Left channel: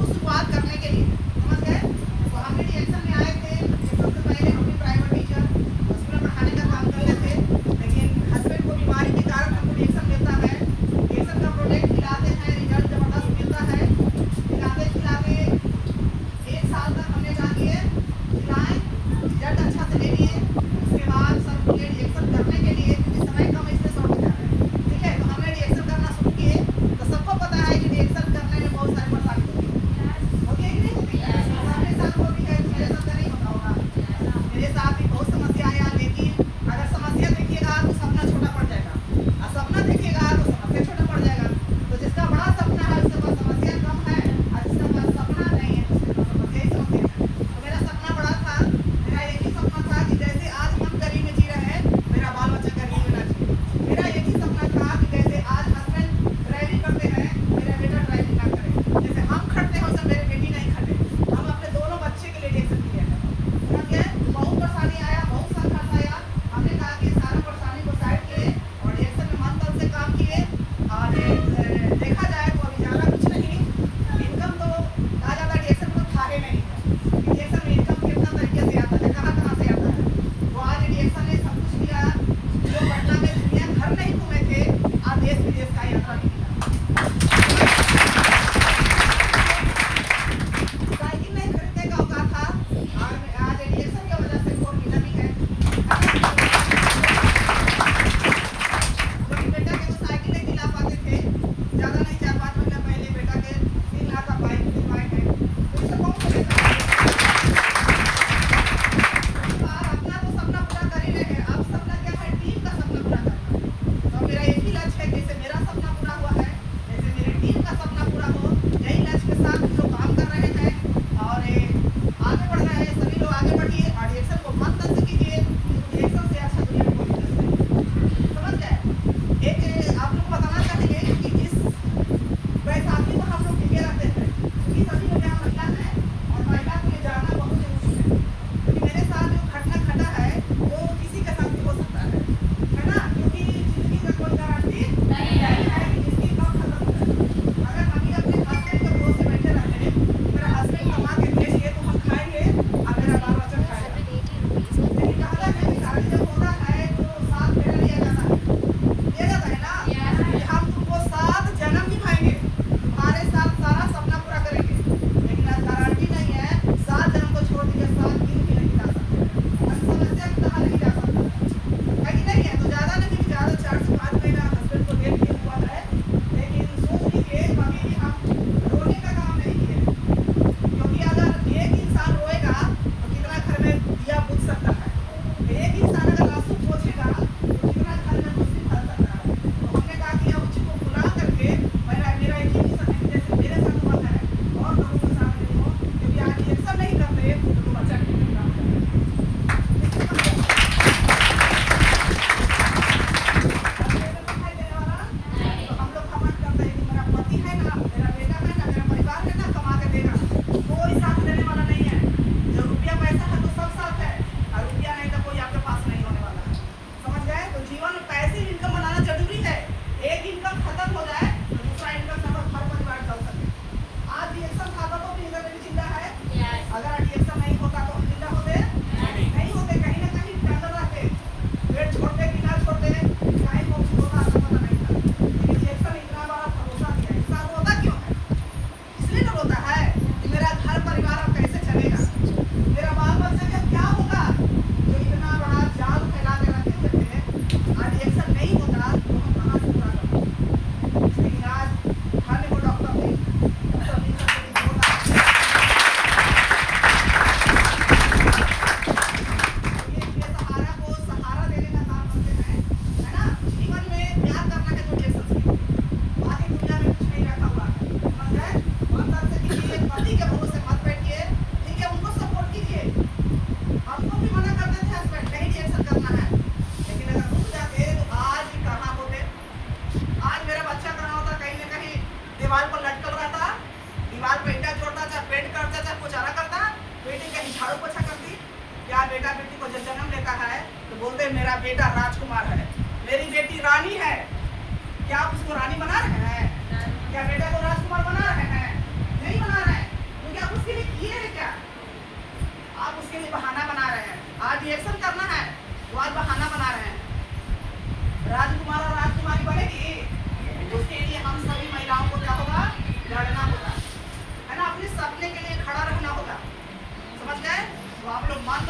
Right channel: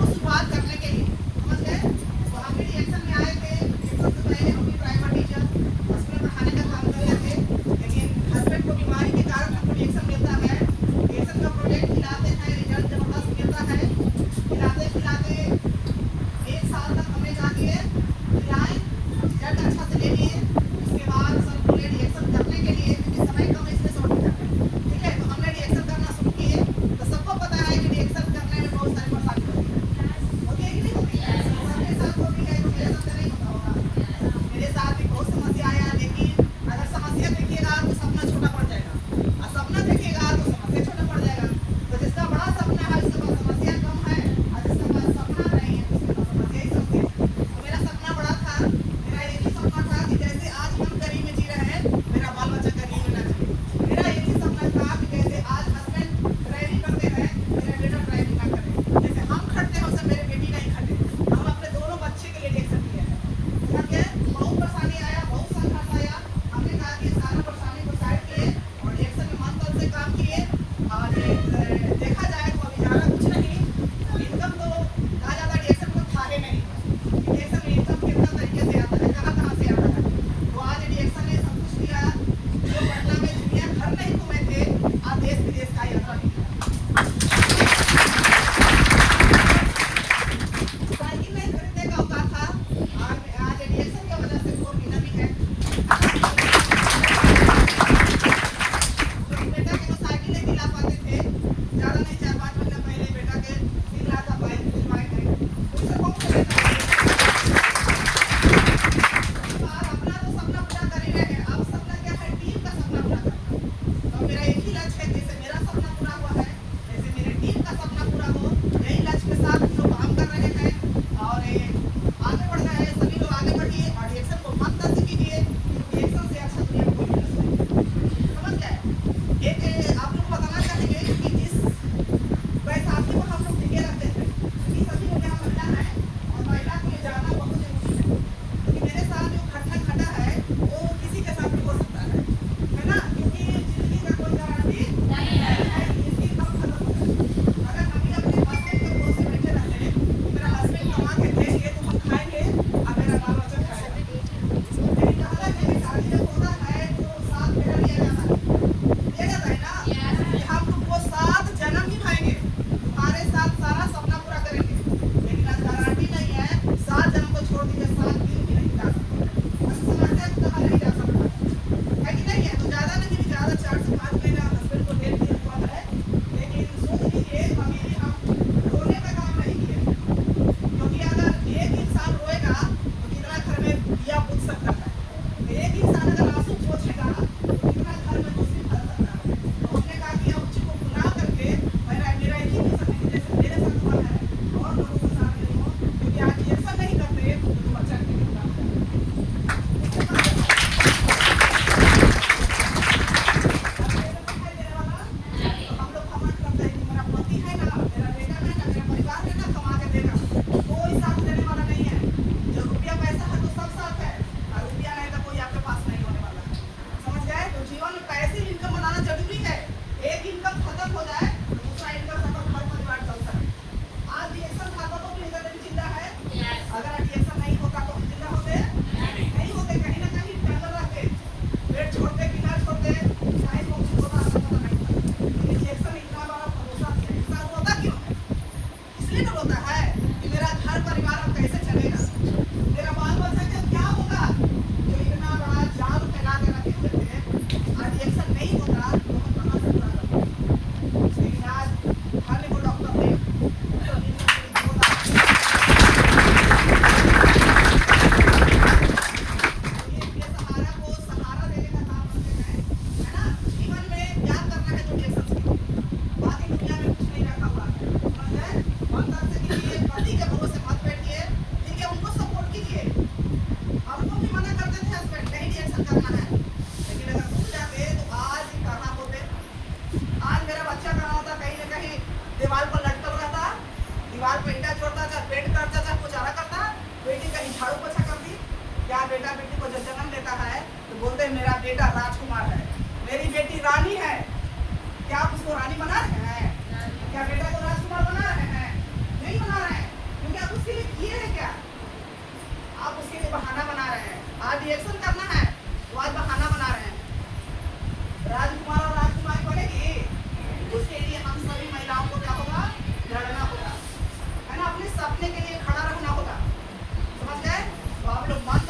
को शुरुआत करने के लिए, समझ गए। तो हम भी रिएक्शन में आए थे। रिएक्शन से पहले हम भी प्राइवेट टीचर स्कूल में पढ़ाने का काम कर रहे थे, लेकिन हस्बैंड को बीमारी के कारण हमको रिएक्शन मिलता है। रिएक्शन का प्रोजेक्ट खिलाते हैं, रिजल्ट जबरदस्त मिलता है। खिलाते खिलाते 1 साल तक हमने कहा कि खिलाएं, रिजल्ट अच्छा से ले लिए। उसके बाद सर बोले रिएक्शन करने के लिए, क्योंकि समय कम है इसलिए शॉर्ट कर रहे हैं, ठीक है। तो हमने रिएक्शन करना शुरू किए। तो सबको पता है कि रिएक्शन करने में बहुत सारी परेशानी होती है कि नहीं होती है। सबके साथ होती है, मेरे साथ तो नहीं होता होगा। मेरे साथ भी बहुत समस्या आया, लेकिन अगर समस्या देखिएगा तो सपना छोटा पड़ जाएगा, और सपना देखिएगा तो समस्या छोटा पड़ जाएगा। तो जिसका बड़ा सपना है उसके पास समस्या कम है, और जिसका पास सपना नहीं है उसके पास समस्या ही समस्या है। तो मेरा सपना बड़ा था। मेरा एक ही सपना था कि जैसे आज हम गरीब में जी रहे हैं, मेरा बाल बच्चा गरीब में ना जिए। मेरा एक ही सपना था कि जैसे आज हस्बैंड ड्राइविंग करते हैं, मेरा बेटा ड्राइविंग ना करे। जैसे हम खटते हैं वैसे मेरी बेटी नहीं खटे। हम अपने दोनों बच्चे के लिए रिएक्शन किए हैं, समझ गए। बहुत परेशानी आया, बहुत संघर्ष आया। हमने कहा कि सारा परेशानी को साइड किए और रिएक्शन में मन तन से काम किए। और देखा जाए तो अभी ज़्यादा कुछ नहीं, इनकम तो ना ज़्यादा रिएक्शन में था ही नहीं है। रिएक्शन में इनकम कितना तरीके से आता है, कहाँ से आता है। तो आज रिएक्शन ने सब कुछ किया। जो पटना में दुनिया भर नहीं घूमे थे, आज देश विदेश का यात्रा भी किया। साइकिल नहीं खरीदने का औकात था, आज रिएक्शन की वजह से 4 व्हीलर भी है। लेकिन बेटा के तो साइकिल नहीं दिला पाते थे, ज़्यादा नहीं 4-5 महीना पहले बेटा के 3 लाख का बाइक है। तो इससे कौन सा बेटा है? अपना तो सपना पूरा कर ही रहे हैं, अब सपना क्या है, टीम का सपना पूरा करना। तो मेरा एक ही लक्ष्य है, जैसे मेरा सपना पूरा हुआ है, जैसे मेरे टीम का सपना पूरा हो। यही लक्ष्य के साथ हम लोग काम कर रहे हैं और आगे बढ़ रहे हैं। सभी लोग आगे बढ़िए और रिएक्शन को मत तंज कीजिए। रिएक्शन से अच्छा दुनिया में कोई बिजनेस नहीं है, समझ गए। एक आप लोग को बताना चाहेंगे कि जिस बैसाखी पर हम लोग टिके रहते थे, कि सभी लोग यहाँ महिला हैं और महिला को ये जानना बहुत जरूरी है, क्योंकि मेरे साथ जो घटना घटा है वो किसी के साथ भी हो सकता है ना। क्योंकि जिंदगी का कोई गारंटी नहीं है कि जिंदगी कब खत्म हो जाए। अगर हम ही अपने हस्बैंड के भरोसे बैठे रहते हैं, मेरा हस्बैंड कमा के देंगे तो हम खाएंगे और मेरा बाल बच्चा खाएगा। लेकिन कहा जाता है कि शादी जब होता है तो साथ फेरा लिया जाता है ना, कि हम तुमको 7 जन्म निभाएंगे, तुम्हारे साथ सारा सपना पूरा करेंगे। लेकिन आज गारंटी नहीं है, 7 जन्म को छोड़ दीजिए, 7 दिन भी नहीं जा सकते। समस्या की कहा नहीं जा सकता है कि नहीं है। तो ज़्यादा नहीं, ज़्यादा 4 से 5 महीना हस्बैंड को हेल्प किया हुआ है। लेकिन सोच लीजिए कभी भी हम रोने का काम नहीं किए, क्योंकि अगर एक इंसान रोएगा तो कितना घर में दिया बुझ सकता है। एक इंसान अगर आंसू पोंछेगा तो कितना घर में रोशनी फैल सकता है। तो हमने कहा कि अब उसी को भुला करके मेरा एक ही मिशन है कि जैसे मेरे साथ हुआ है और लोगों के साथ नहीं हो, क्योंकि आज रिएक्शन नहीं करते तो बच्चा नहीं मिलता हो जाएगा। तो हम लोग घमंड करते हैं कि मेरा पति है ना, मेरा बेटा है ना, मेरा परिवार है ना, कमा के देगा। कोई साथ देने वाला नहीं है। जो रुपया पैसा है तो सब साथ है, और रुपया नहीं तो कोई आपके पास नहीं होने वाला है, समझ गए। तो जीवन में पैसे इनकम बनाना जरूरी है। एक इनकम खत्म हो जाए तो दूसरा इनकम से घर परिवार चल सके। आज रिएक्शन खाता तो भी निकल भी जिंदा है। अगर रिएक्शन नहीं होता तो हम जिंदा होते नहीं होते, कहीं ना कहीं टंगर रहते, पेट छोड़ते कि ना छोड़ते, चाहे कौन सी होता हमें पता नहीं था। लेकिन रिएक्शन इतना बड़ा भरोसा दिया। इंसान रोता क्यों है? इसलिए तो रोता है कि मेरा घर परिवार अब कैसे चलेगा, मेरा बाल बच्चा का क्या होगा। जो इतना बड़ा जाल फैला के रखे हुए थे, आज रिएक्शन नहीं होता तो हम कहाँ से पूरा करते। लेकिन आज खाने को डॉक्टर ने सहारा देने का काम करते हैं, है ना। जीवन में प्यार करना है तो रिएक्शन सीखो, बाकी दुनिया में कुछ नहीं रखा हुआ है, समझ गए। मन तन से कीजिए, पति के भरोसे मत बैठिए, ठीक है। उनको सपोर्ट कीजिए। हमको भी मना करते थे हस्बैंड, नहीं रिएक्शन करना है, लेकिन अगर रुक जाते तो आज भी कहाँ होते। आज मेरा बच्चा कहाँ होता, कहीं ना कहीं दीवार पर लटकल रहता, दीवार पे ईंटा छोड़ता, चाहे पेंट करता, चाहे पुचारा करता, बेटी कहीं झाड़ू पोछा करती। क्या बेटा बेटी को जब जन्म लेता है तो बोलते हैं मेरा बेटा राजकुमार है, मेरी बेटी रानी है। क्या आप उसको रानी बना रहे हैं? क्या बेटा को राजकुमार बना रहे हैं? नहीं बना रहे हैं। रिएक्शन करना है, वो आज बहाना बना रहे हैं। राजकुमार और राजकुमारी बनेगी, उसके लिए हम सभी महिलाओं को क्या होगा, लड़ना होगा, है ना, अपने सपने के लिए खड़ा रहना होगा। समझ गए? तो आप लोग मन